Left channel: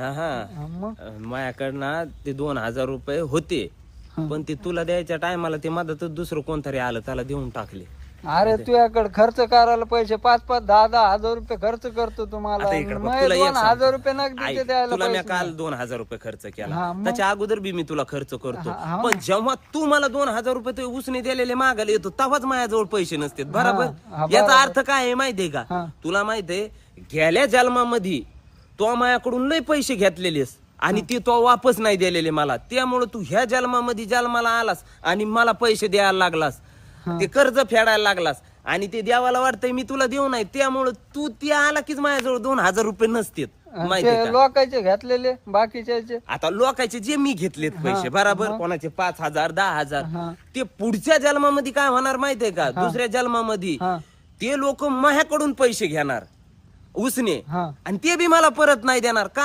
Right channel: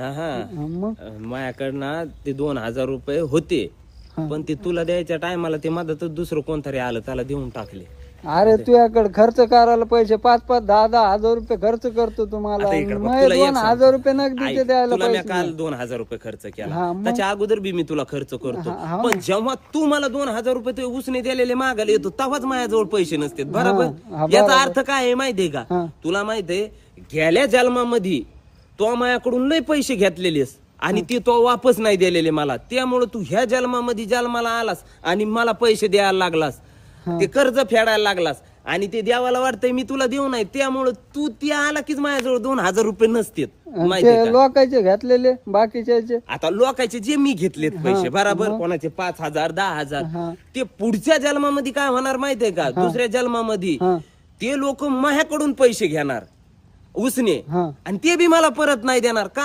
हा मग माझ्याकडनं ते 2000 रुपये होते, पण ते तुला द्यायच्या टायमाला ते मधातच दुसरं कोणतरी आलं, त्याला देऊन टाकले. अरे तुझ्याकडे खर्च करायला पैसे 5-5, 10-10 हजार रुपये खर्च करतो तुम्हाला. आता इकडे बघ, मग तुला एक 2000 रुपये सांगतो. नगदीचे ऐक, द्यायला तुला मी पैसे काल नाही. 2000 रुपये खर्च केला, हा, मग? त्याच्या अगोदर बी मी तुला खर्च करतो. हा, हा. पण जेव्हा तू मला 2000 रुपये ते उसने दिलेले मागायला येतो, तेव्हाच माझ्याजवळ पैसे नसतात. बरोबर? हा, याचा बरोबर. अर्थ काय आहे माहितीये का? हा. तुला माहितीये, गेल्या जन्मामध्ये तो माझ्याकडून लय पैसे घेतलेलेस आणि ते तो वापस नाही दिलेले मला, त्यामुळे तू ह्या जन्मामध्ये जन्माला आलास आणि मला पैसे द्यायला लागलास, ते कर्ज फेडायला लागलास आणि ते देवाला वाटतंय मी तुला देऊ नाही, त्यामुळे तू ते आला कीच माझ्याजवळ 2000 रुपये नसतात. माहितीये ते का? लोकांचे घेतलेले बाकीचे. आता लोकांचे जे मी घेतलेत पैसे, हा, बरोबर, मग? कोणाचे 5000, 10000, हा. ते पुढच्या जन्मामध्ये काय होणार माहितीये का? दुसऱ्या जन्मामध्ये हा. ते लोक माझ्याकडून पैसे घेणार उसने हा. आणि ते बी मला परत नाही देणार का?